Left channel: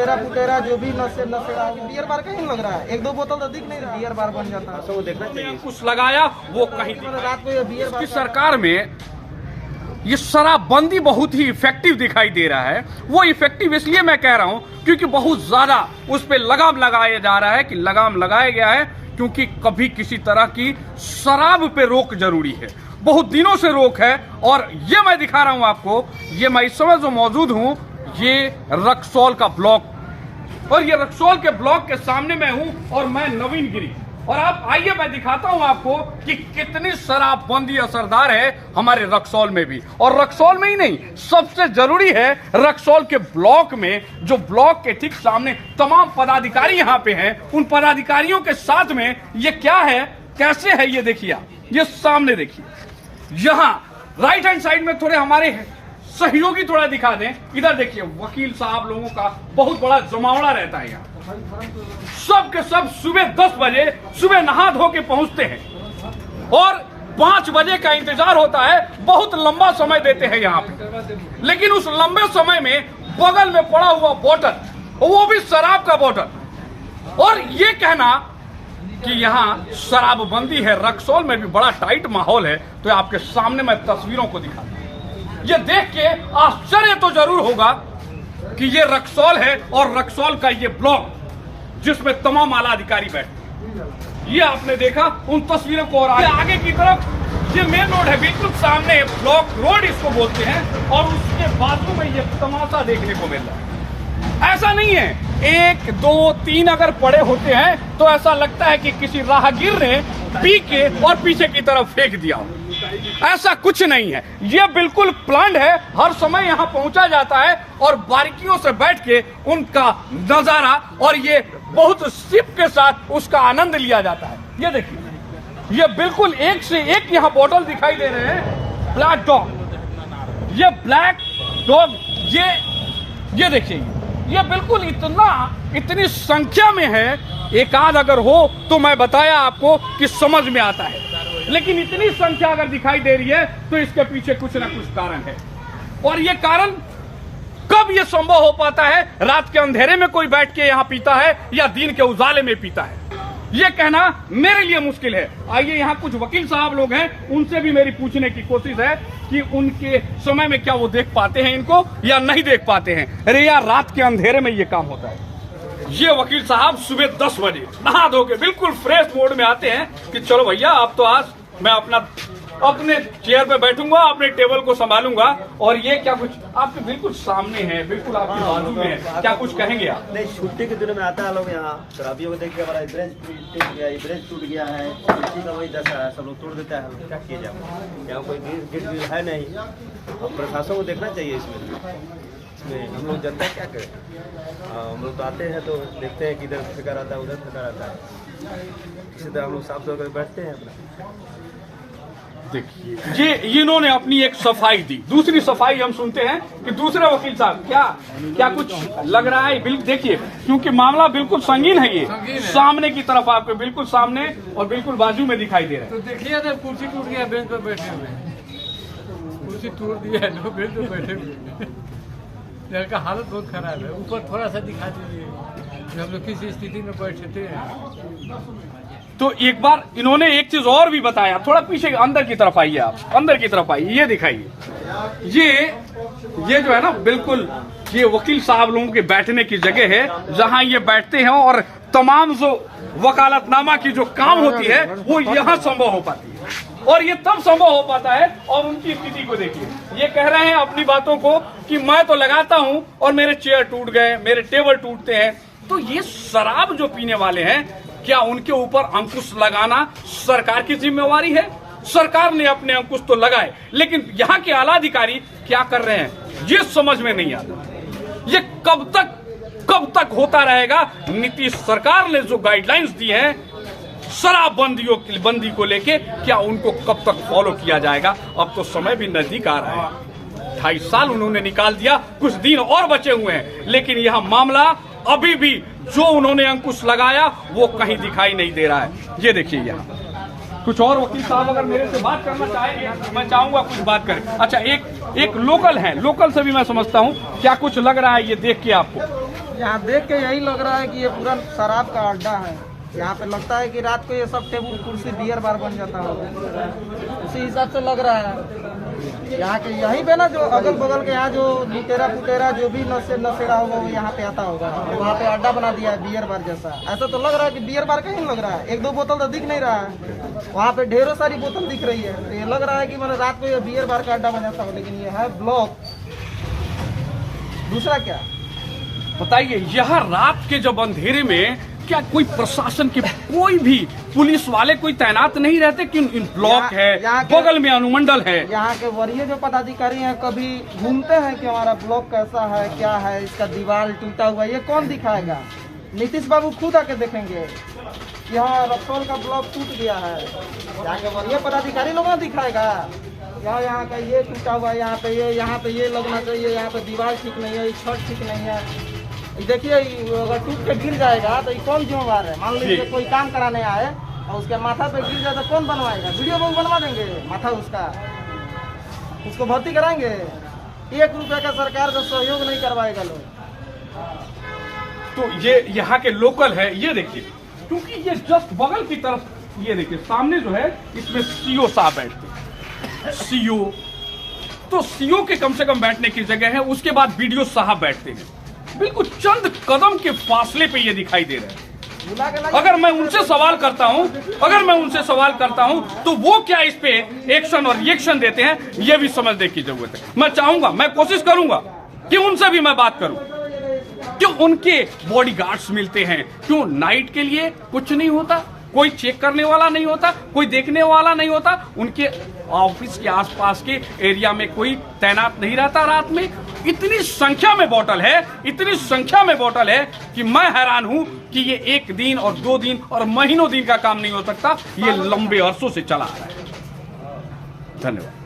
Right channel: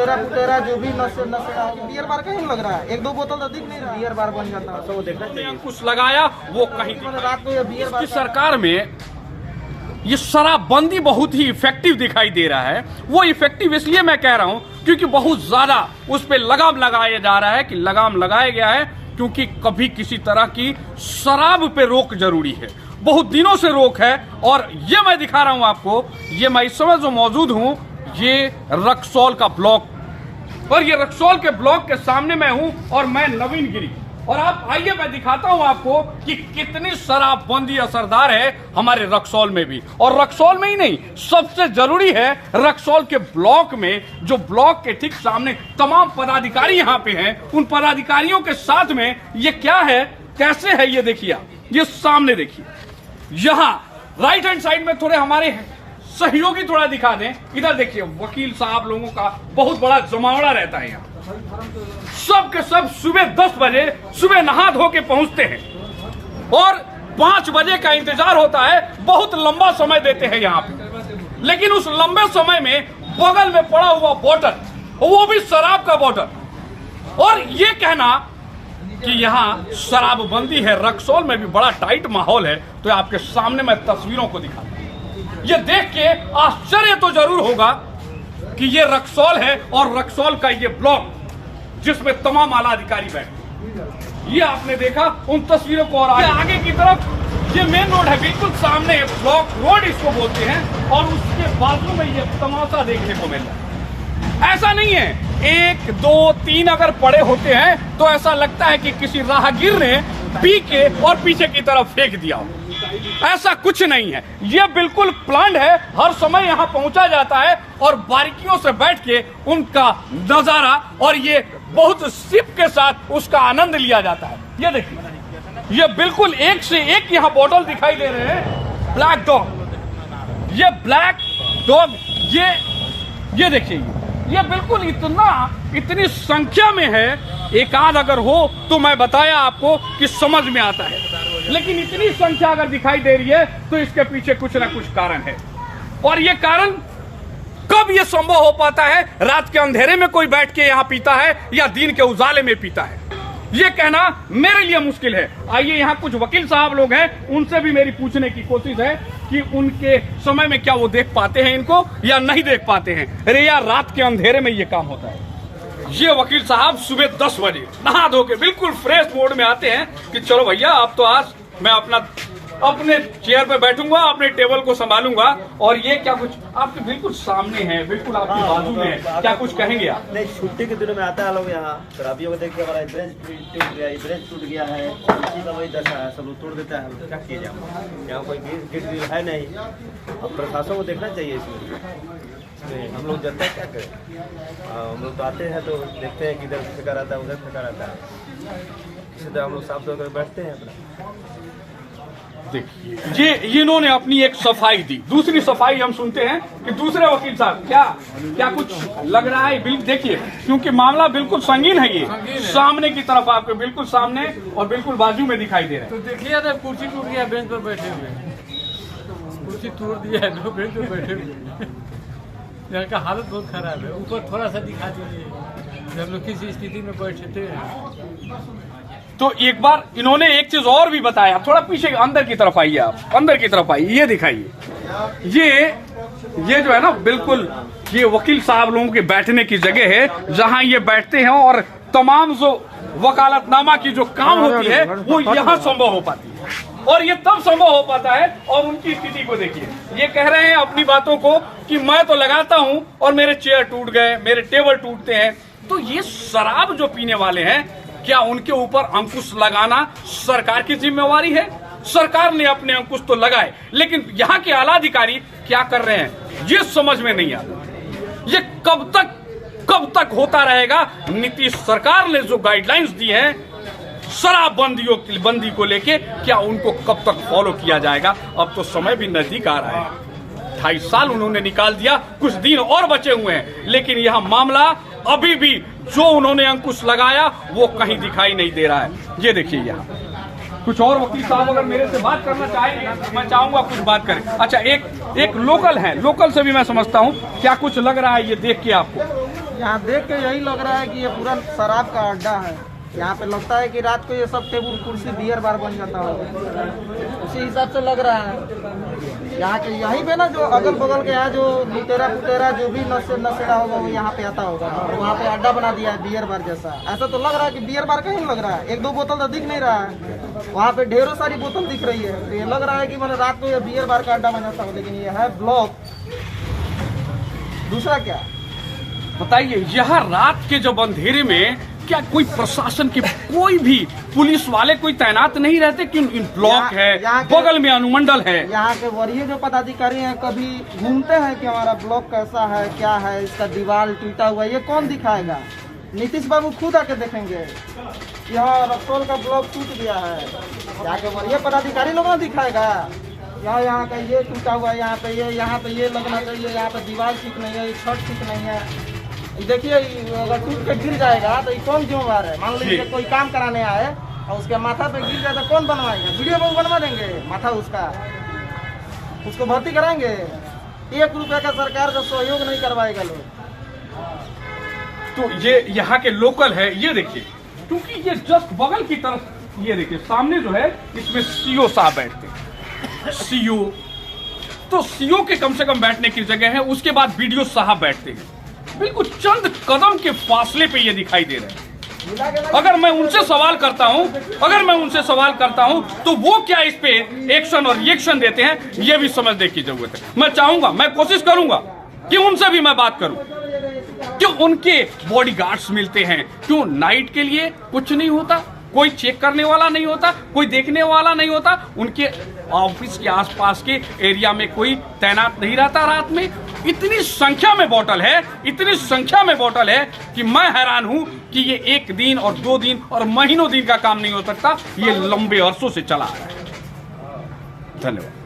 लुटेरा पुटेरा जो भी नशे बियर बार कहीं लग रहा है, एक दो बोतल तो दिख नहीं रहा, बियर बार बन जाता है। तो वो देखना अंकुश लगाया वो कहीं रात को ये बियर बार की सरकार में ये शराबबंदी बहुत ही इफेक्टिव दिखाई दे रहा है। वो इफेक्टिव इसलिए मैं कह रहा हूं क्योंकि बहुत ज्यादा उस पर लगाम लगाया जा रहा है कि लगाम लगाया गया है, क्योंकि कभी किसी तरह की शराब पे रोक जरूरी है, बहुत दिनों से रोक है। और ये मैं दिखा रहा हूं आपको, ये मैं इस समय जो मौजूद हूं ये रक्सौल का ब्लॉक, और ये रक्सौल के ब्लॉक के सामने मैं हूं और मैं नवीन गिरी। और आप आइए मैं दिखाता हूं आपको कि कितनी शराबबंदी असरदार है हमारे रक्सौल में भी। और रक्सौल में ही नहीं, सबसे जरूरी है रक्सौल के ब्लॉक में, जो ब्लॉक के ठीक सामने तमाम पदाधिकारी यहां पे हैं, उन पदाधिकारियों के साथ में ये क्या है, कैसे है, ये देखिए। ये सामने देखिए, यहां राइट हैंड साइड में थोड़े हमारे सहयोगी थोड़ा दिखा दें, इधर देखिए वकील साहब लोगों का बहुत बड़ा जमावड़ा रहता है यहाँ। सब के सब सुबह 10 बजे सुबह नहा धो के पहुंचते हैं और 5 बजे का इंतजार होता है। बहुत लंबा समय देते हैं यहाँ पे, लेकिन उस लंबे समय में बगल में पड़ा हुआ बोतल, वो भी शराब का बोतल। और ये कहना कि यहाँ शराबबंदी है, रक्सौल में भी बड़ा टाइट माहौल है। तो आपके सामने मैं तस्वीरों को दिखाता हूँ, ये देख के आश्चर्य तो जरूर होगा कि ये रक्सौल है और रक्सौल का ये ब्लॉक जिसमें तमाम आला अधिकारी बैठे। ये आपने देखा उन तस्वीरों को। और आगे की तरफ ये मेन रोड है, बिल्कुल सामने ब्लॉक रोड इसको बोलते हैं, और उसके बाजू में ये तमाशा देखने को मिल रहा है। ऐसा नहीं है 1 2 3 अगर पड़े होते हैं तो ऐसा लगता है कि किसी राहगीर ने पी के और पीछे की तरफ फेंक दिया हो। ऐसा कुछ नहीं है, ये बिल्कुल प्लान्ड है। हर समय यहाँ पहुंचा जाता है और बारीकियों से बैठ के उनका नजारा और ये बहुत सिप के साथ उसका आनंद लिया जाता है। ये देखिए, ये बिल्कुल एक से एक यहाँ बोतल दिखाई दे रहे हैं। ब्लैक डॉग, ये ब्लैक डॉग, ये देखिए, ये बिल्कुल इतनी संख्या में है। एक आध अगर हो तो मैं बताया आपको कि समझ में आता है, लेकिन इतनी संख्या अगर दिखाई दे रही है तो इसके पीछे कुछ ना कुछ कारण है। और ये कारण कब ये संभव हो पाता है, रात के अंधेरे में कोई बैठ के यहाँ पीता है या दिन के उजाले में पीता है, ये कहना मेरे लिए मुश्किल है। आइए, यहाँ कुछ वकील साहब लोग हैं, उनसे भी मेरी पूछने की कोशिश है कि उनके समय में क्या वो देख पाते हैं इनको या नहीं देख पाते हैं। अरे यार, रात के अंधेरे में ये काम होता है। ये वकील साहब सुबह 10 बजे नहा धो के बिल्कुल फ्रेश मोड में आते हैं कि चलो भैया, अब तो आज मैं अपने चेयर पे बैठूंगा, अपने टेबल को संभालूंगा। और ये क्या कुछ आपके बिल्कुल सामने है, बिल्कुल आपके बाजू में है, क्या कुछ कहेंगे आप? नहीं, छुट्टी के दिनों में आता है लोग यहाँ, शराबियों को देख के हमारा ब्रेंच टूट गया है, इसी का वही दशा है, सब लोग तोड़ देता है। क्या किया जाए, यहाँ कोई गेट है नहीं। अब प्रशासन को देखना चाहिए इसमें। हम लोग जनता क्या करें, हम लोग तो आते हैं तो देखते हैं कि इधर फेंका रहता है, उधर फेंका रहता है, इसी तरह हम लोग साफ सुथरा बैठते हैं अपना। देखिए, ये इन्होंने अपनी एक सफाई दी। दूसरी सफाई हम सुनते हैं कि दूसरे वकील साहब क्या कुछ लग रहा है। बिल्कुल देखिए, क्योंकि मामला बिल्कुल संगीन है। ये सामने की तरफ आपके बिल्कुल सामने और बिल्कुल बाजू में दिखाई दे रहा है। तो देखिए ना, कुर्सी टूट गया, बेंच पर बैठे हुए, कुर्सी तोड़ दिया है, लोग बेंच पर बैठे हुए। यहाँ का हालत बहुत खराब है। ऊपर थोड़ा सा दिखा दीजिए हम लोग किस स्थिति में बैठे थे। तो एक बार इन्होंने एक चीज और भी बताया, थोड़ा पीछे अंदर की तरफ आइए, आप अंदर की तरफ आइए, ये दिखाइए। ये जो है ना, बिल्कुल ये वकील साहब लोगों के बैठने की जगह है, जहां ये बैठते हैं और तमाम जो वकालतनामा की जो काम होती है वो यहाँ संभव हो पाती है। और ये तब संभव हो पाता है। और उनकी स्थिति को देखिए, ये कह रहे हैं अपनी बातों को कि मैं तो लगाता हूं और मेरे चेयर टूट गए, मेरे टेबल टूटते हैं। तो ये शराब जो पीने वाले हैं, क्या उनके ऊपर अंकुश लगाना सरकार की जिम्मेवारी है? सरकार ने अपने अंकुश तो लगाए, लेकिन यहाँ के आला अधिकारी क्या कर रहे हैं ये समझ में नहीं आता। ये कब तक होता रहेगा? नीतीश सरकार ने जो गाइडलाइंस दी है शराबबंदी को लेके, क्या उनको कब तक फॉलो किया जाएगा? अब तो समय भी नजदीक आ रहा है। 28 साल उन्होंने निकाल दिया, कुछ दिन और बचे हुए हैं, लेकिन यह मामला अभी भी जो उन्होंने अंकुश लगाया वो कहीं दिखाई नहीं दे रहा है। ये देखिए, यहाँ कुछ और वकील साहब अगर मेरे से बात करना चाहेंगे, मैं चाहूंगा कुछ बात करें। अच्छा, एक लोकल है, लोकल से भी मैं समझता हूँ क्या कुछ लग रहा है ये देख के आपको? यहाँ देख के यही लग रहा है कि ये पूरा शराब का अड्डा है। यहाँ पे लगता है कि रात को ये सब टेबल कुर्सी बियर बार बन जाता होगा, उसी हिसाब से लग रहा है। यहाँ के यहीं पे ना जो अगल बगल के यहाँ जो लुटेरा पुटेरा जो भी नशेड़ा होगा वो यहाँ पे आता होगा, वहाँ पे अड्डा बना दिया है बियर बार जैसा। ऐसा तो लग रहा है कि बियर बार कहीं लग रहा है, एक दो बोतल तो दिख नहीं रहा है, वहाँ पे ढेरों सारी बोतल दिख रही है। तो ये लग रहा है कि मतलब रात को ये बियर बार का अड्डा बन जाता होगा, लेकिन ये है ब्लॉक। दूसरा क्या बताइए, यहाँ रात के जब अंधेरे में क्या कोई प्रशासन के कोई भी पुलिस वाले कोई तैनात नहीं रहते कि इन ब्लॉक है, बगल में अनुमंडल है। यहाँ के वरीय जो पदाधिकारी हैं कभी घूमते हैं कि हमारा ब्लॉक कैसा है, क्या है, इसका दीवार टूटा हुआ है, ये कौन दिखाएगा? नीतीश बाबू खुद आके देखेंगे यहाँ रक्सौल का ब्लॉक टूट गया है, यहाँ के वरीय पदाधिकारी लोग ना दिखाएगा यहाँ का ये टूटा हुआ है, यहाँ पे ये लगना चाहिए, यहाँ पे दीवार ठीक नहीं है, छत ठीक नहीं है। देखिए अगर टूट के गिर जाएगा तो ये कौन जिम्मेवार है? मान लीजिए कोई काम कराने आए और उसके माथा पे गिर जाए तो कौन बनवाएगा? वीडियो लोग बनवा देंगे माथा उसका, उसको भर्ती कराएंगे। 1 रुपया का सरकार का सहयोग नहीं करवाएगा लोग। तो ये यहाँ के लोकल है, ये देखिए, क्योंकि ये जस्ट बगल की तरफ, ये देखिए सामने जो है इसमें सीओ साहब बैठते हैं। सीओ तो सीओ के कम से कम बैठने की जगह है, उसके बाद बीडीओ साहब बैठते हैं। बिल्कुल चंद कदम के फासले पे ये दिखाई दे रहे हैं। अगर मैं उनसे सवाल करता हूं तो वो क्या इस पे एक्शन और रिएक्शन देते हैं, ये भी समझने की जरूरत है। मैं चाहूंगा, मैं कोशिश करूंगा कि उनसे भी मैं बात करूं। क्यों उनके बॉडीगार्ड्स मिलते हैं? क्यों नाइट के लिए कुछ नहीं होता? कोई चेक करने वाला नहीं होता, कोई देखने वाला नहीं होता? उनके ऑफिस के आसपास के एरिया में कोई तैनात नहीं रहता रात में? इतनी संख्या में बोतल है कि मैं हैरान हूं कि ये 1 दिन और 2 दिन और महीनों दिन का काम नहीं हो सकता, ये लंबे अरसों से चला आ रहा है। धन्यवाद।